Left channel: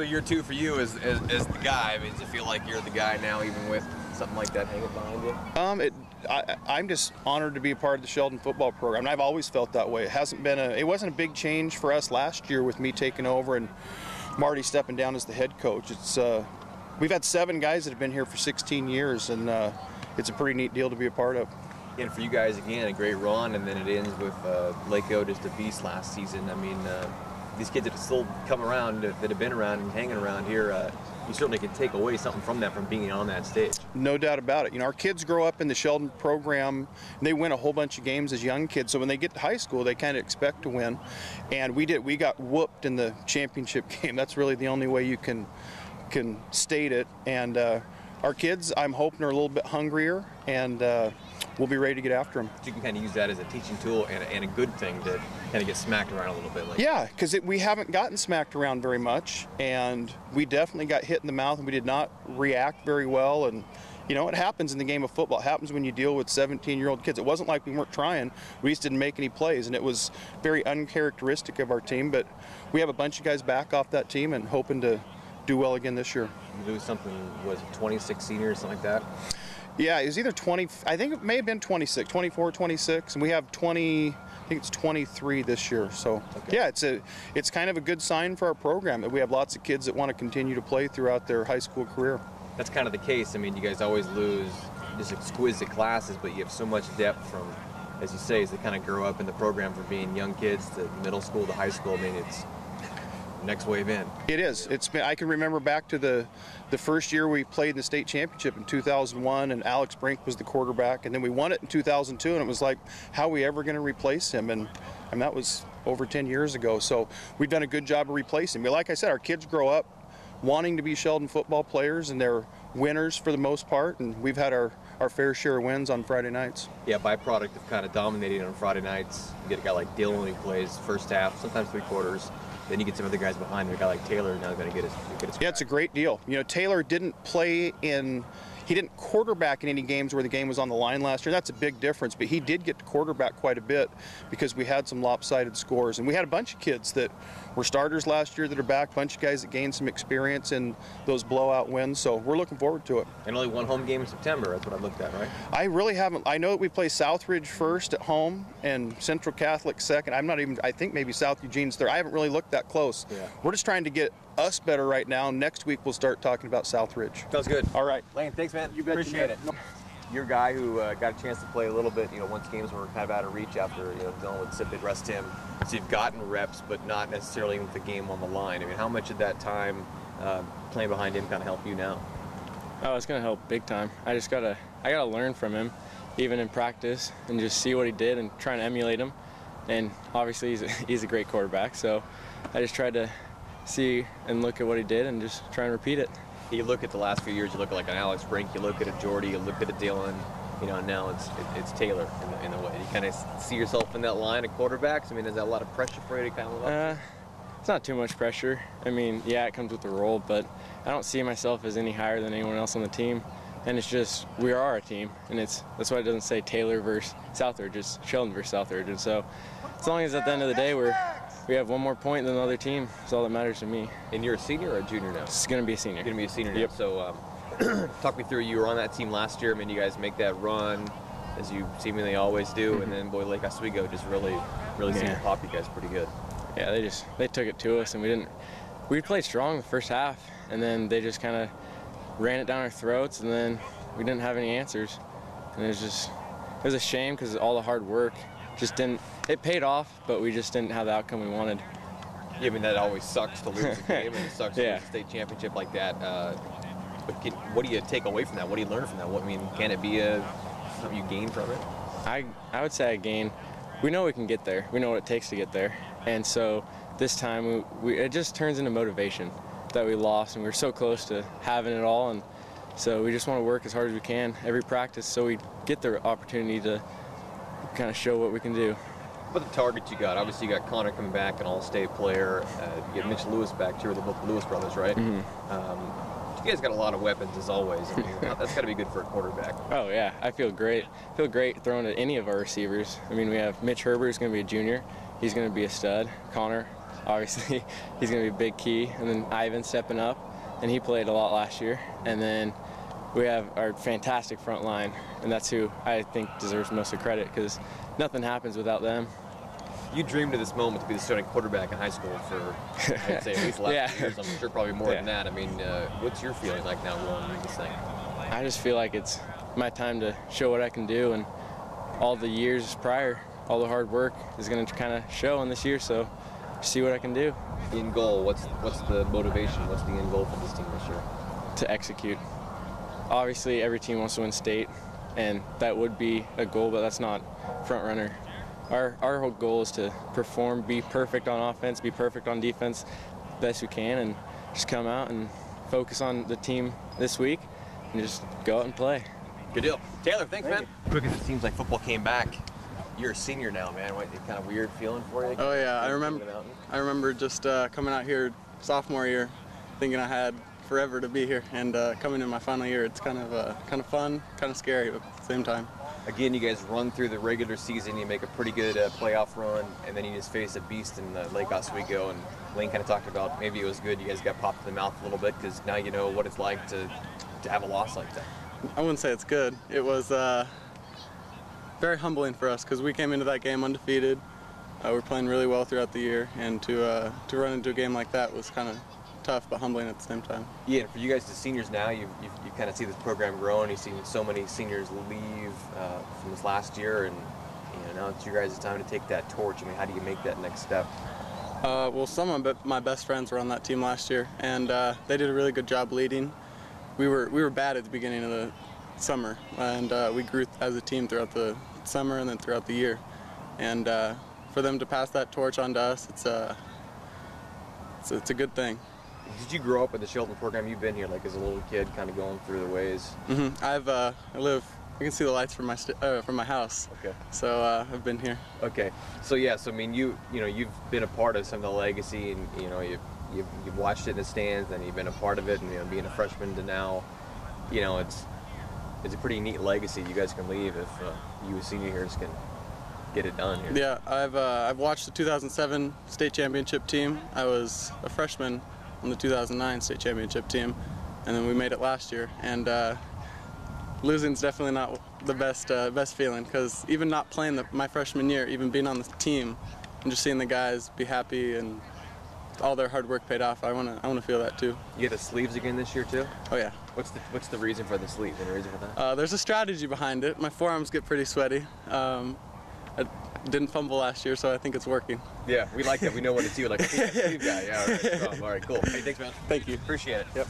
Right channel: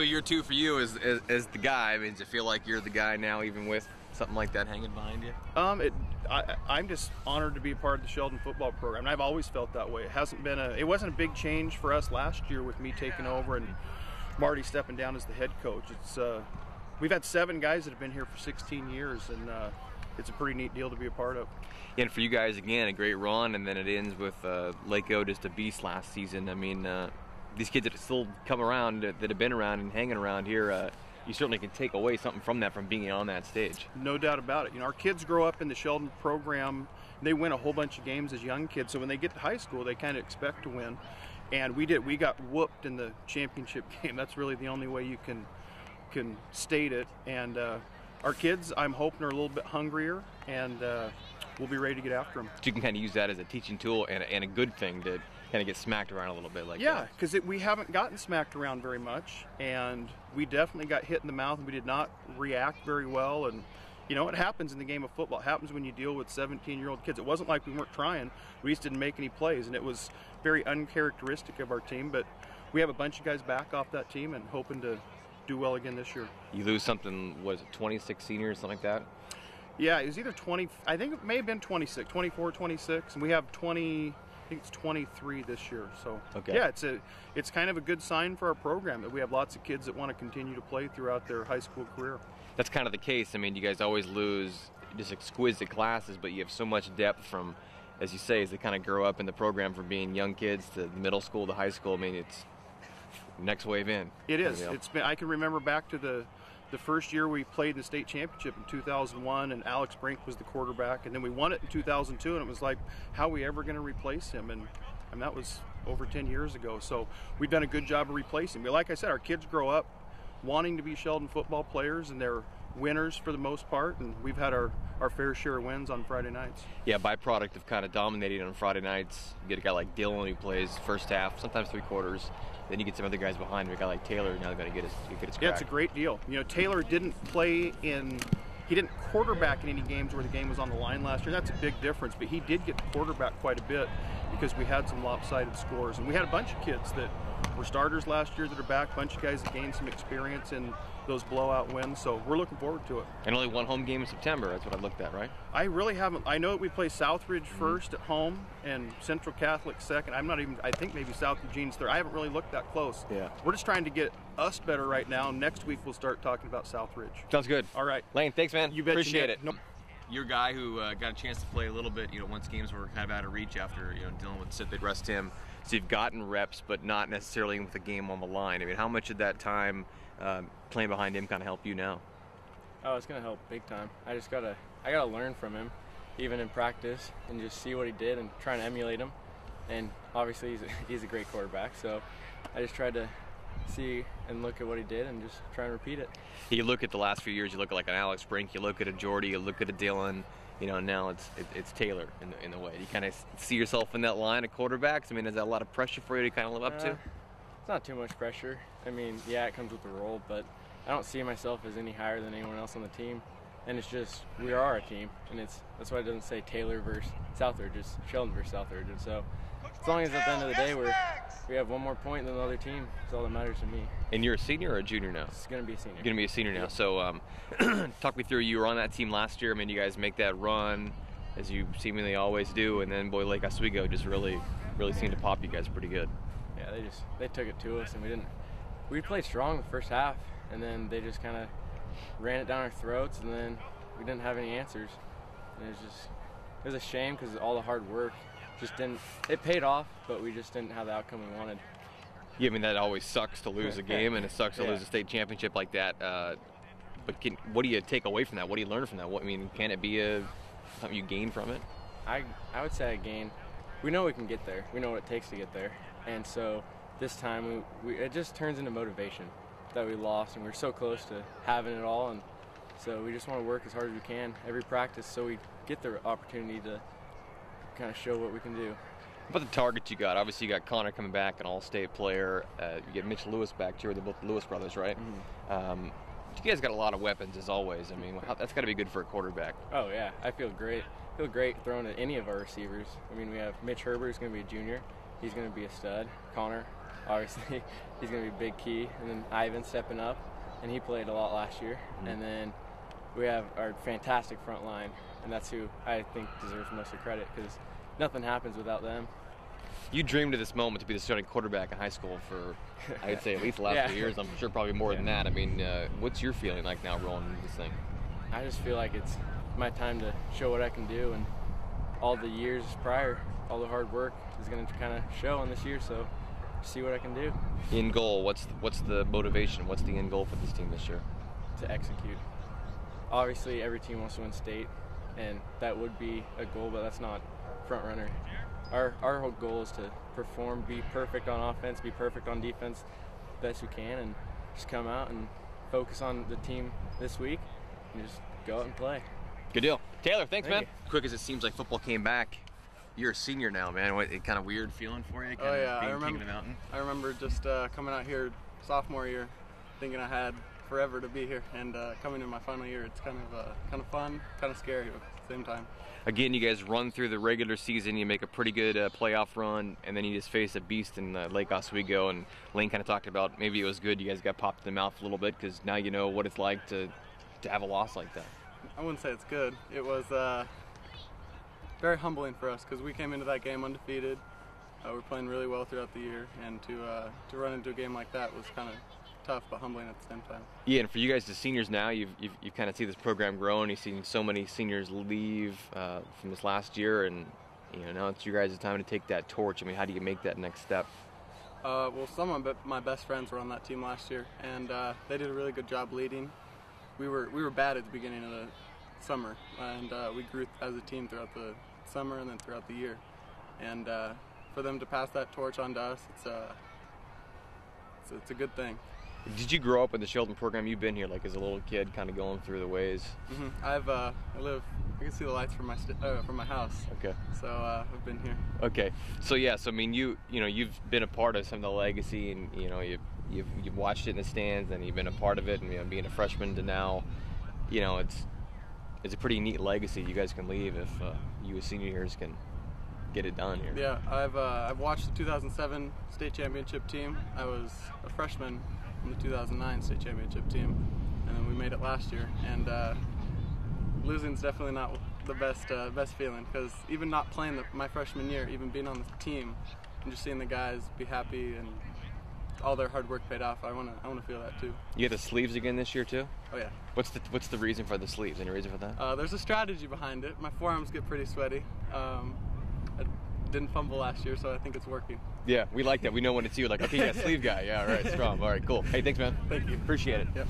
So year 2 for you is the guy. I mean, does it feel like you're the guy now, even with something like that hanging behind you? I'm just honored to be a part of the Sheldon football program, and I've always felt that way. It wasn't a big change for us last year with me taking over and Marty stepping down as the head coach. We've had 7 guys that have been here for 16 years, and it's a pretty neat deal to be a part of. And for you guys, again, a great run, and then it ends with Lakeo just a beast last season. I mean, these kids that have still come around, that have been around and hanging around here, you certainly can take away something from that, from being on that stage. No doubt about it. You know, our kids grow up in the Sheldon program, and they win a whole bunch of games as young kids. So when they get to high school, they kind of expect to win. And we did. We got whooped in the championship game. That's really the only way you can state it. And our kids, I'm hoping, are a little bit hungrier, and we'll be ready to get after them. You can kind of use that as a teaching tool and a good thing to kind of get smacked around a little bit. Yeah, because we haven't gotten smacked around very much, and we definitely got hit in the mouth, and we did not react very well. And you know, it happens in the game of football. It happens when you deal with 17-year-old kids. It wasn't like we weren't trying. We just didn't make any plays, and it was very uncharacteristic of our team. But we have a bunch of guys back off that team and hoping to do well again this year. You lose something, was it 26 seniors, something like that? Yeah, it was either 20, I think it may have been 26, 24, 26, and we have 20, I think it's 23 this year. So okay. Yeah, it's kind of a good sign for our program that we have lots of kids that want to continue to play throughout their high school career. That's kind of the case. I mean, you guys always lose just exquisite classes, but you have so much depth from, as you say, as they kind of grow up in the program from being young kids to middle school to high school. I mean, it's next wave in. It is. You know? It's been. I can remember back to the first year we played in the state championship in 2001, and Alex Brink was the quarterback, and then we won it in 2002, and it was like, how are we ever going to replace him? And that was over 10 years ago. So we've done a good job of replacing. But like I said, our kids grow up wanting to be Sheldon football players, and they're winners for the most part, and we've had our fair share of wins on Friday nights. Yeah, byproduct of kind of dominating on Friday nights. You get a guy like Dylan who plays first half, sometimes 3 quarters. Then you get some other guys behind him. A guy like Taylor now going to get his crack. Yeah, it's a great deal. You know, Taylor didn't he didn't quarterback in any games where the game was on the line last year. That's a big difference, but he did get to quarterback quite a bit because we had some lopsided scores. And we had a bunch of kids that were starters last year that are back, a bunch of guys that gained some experience in those blowout wins, so we're looking forward to it. And only 1 home game in September, that's what I looked at, right? I really haven't. I know we play Southridge first at home and Central Catholic second. I think maybe South Eugene's third. I haven't really looked that close. Yeah. We're just trying to get us better right now. Next week we'll start talking about Southridge. Sounds good. All right. Lane, thanks, man. You bet. Appreciate it. Nope. You're a guy who got a chance to play a little bit, once games were kind of out of reach after, dealing with Sid, they'd rest him. So you've gotten reps, but not necessarily with the game on the line. I mean, how much of that time playing behind him kind of help you now? Oh, it's going to help big time. I gotta learn from him, even in practice, and just see what he did and try to emulate him. And obviously he's a great quarterback, so I just tried to see and look at what he did and just try and repeat it. You look at the last few years, you look at like an Alex Brink, you look at a Jordy, you look at a Dylan, now it's Taylor in the way. You kind of see yourself in that line of quarterbacks. I mean, is that a lot of pressure for you to kind of live up to? It's not too much pressure. I mean, yeah, it comes with the role, but I don't see myself as any higher than anyone else on the team. And it's just, we are a team, and that's why it doesn't say Taylor versus Southridge, it's Sheldon versus Southridge. And so, as long as at the end of the day we have 1 more point than the other team, that's all that matters to me. And you're a senior or a junior now? It's going to be a senior. You're going to be a senior now. Yep. So talk me through, you were on that team last year. I mean, you guys make that run, as you seemingly always do, and then boy, Lake Oswego just really seemed to pop you guys pretty good. Yeah, they took it to us, and we played strong the first half, and then they just kind of ran it down our throats, and then we didn't have any answers. And it was a shame because all the hard work just didn't, it paid off, but we just didn't have the outcome we wanted. Yeah, I mean, that always sucks to lose a game, and it sucks to lose a state championship like that. But what do you take away from that? What do you learn from that? Can it be something you gain from it? I would say I gain. We know we can get there. We know what it takes to get there. And so this time, it just turns into motivation that we lost, and we were so close to having it all. And so we just want to work as hard as we can every practice so we get the opportunity to kind of show what we can do. What the targets you got? Obviously, you got Connor coming back, an all-state player. You get Mitch Lewis back, too, with the Lewis brothers, right? Mm-hmm. You guys got a lot of weapons, as always. I mean, that's got to be good for a quarterback. Oh, yeah. I feel great. I feel great throwing at any of our receivers. I mean, we have Mitch Herbert, who's going to be a junior. He's going to be a stud. Connor, obviously he's going to be a big key. And then Ivan stepping up, and he played a lot last year. And then we have our fantastic front line, and that's who I think deserves most of the credit, because nothing happens without them. You dreamed of this moment to be the starting quarterback in high school for, I'd say, at least the last few years. I'm sure probably more than that. I mean, what's your feeling like now rolling with this thing? I just feel like it's my time to show what I can do, and all the years prior, all the hard work is going to kind of show on this year, so see what I can do. In goal, what's the motivation? What's the end goal for this team this year? To execute. Obviously, every team wants to win state, and that would be a goal, but that's not front runner. Our whole goal is to perform, be perfect on offense, be perfect on defense, best we can, and just come out and focus on the team this week and just go out and play. Good deal. Taylor, thanks, man. Quick as it seems like football came back, you're a senior now, man. It kind of weird feeling for you? Oh yeah, I remember just coming out here sophomore year, thinking I had forever to be here, and coming in my final year, it's kind of fun, kind of scary at the same time. Again, you guys run through the regular season, you make a pretty good playoff run, and then you just face a beast in Lake Oswego, and Lane kind of talked about maybe it was good you guys got popped in the mouth a little bit, because now you know what it's like to have a loss like that. I wouldn't say it's good. It was very humbling for us, because we came into that game undefeated. We were playing really well throughout the year, and to run into a game like that was kind of tough but humbling at the same time. Yeah, and for you guys as seniors now, you kind of see this program grow, and you've seen so many seniors leave from this last year, and now it's your guys' time to take that torch. I mean, how do you make that next step? Well, some of my best friends were on that team last year, and they did a really good job leading. We were bad at the beginning of the summer, and we grew as a team throughout the summer and then throughout the year. And for them to pass that torch on to us, it's a good thing. Did you grow up with the Sheldon program? You've been here like as a little kid, kind of going through the ways. I can see the lights from my house. Okay. So I've been here. Okay. So yeah, so I mean, you've been a part of some of the legacy, and you've watched it in the stands, and you've been a part of it, and being a freshman to now, it's a pretty neat legacy you guys can leave if you as senior years can get it done here. Yeah, I've watched the 2007 state championship team. I was a freshman on the 2009 state championship team, and then we made it last year. And losing's definitely not the best feeling, because even not playing my freshman year, even being on the team, and just seeing the guys be happy and all their hard work paid off, I wanna feel that too. You get the sleeves again this year too? Oh yeah. What's the reason for the sleeves? Any reason for that? There's a strategy behind it. My forearms get pretty sweaty. I didn't fumble last year, so I think it's working. Yeah, we like that. We know what it's you, like a sleeve guy. Yeah, all right, cool. Hey, thanks, man. Thank you. Appreciate it. Yep.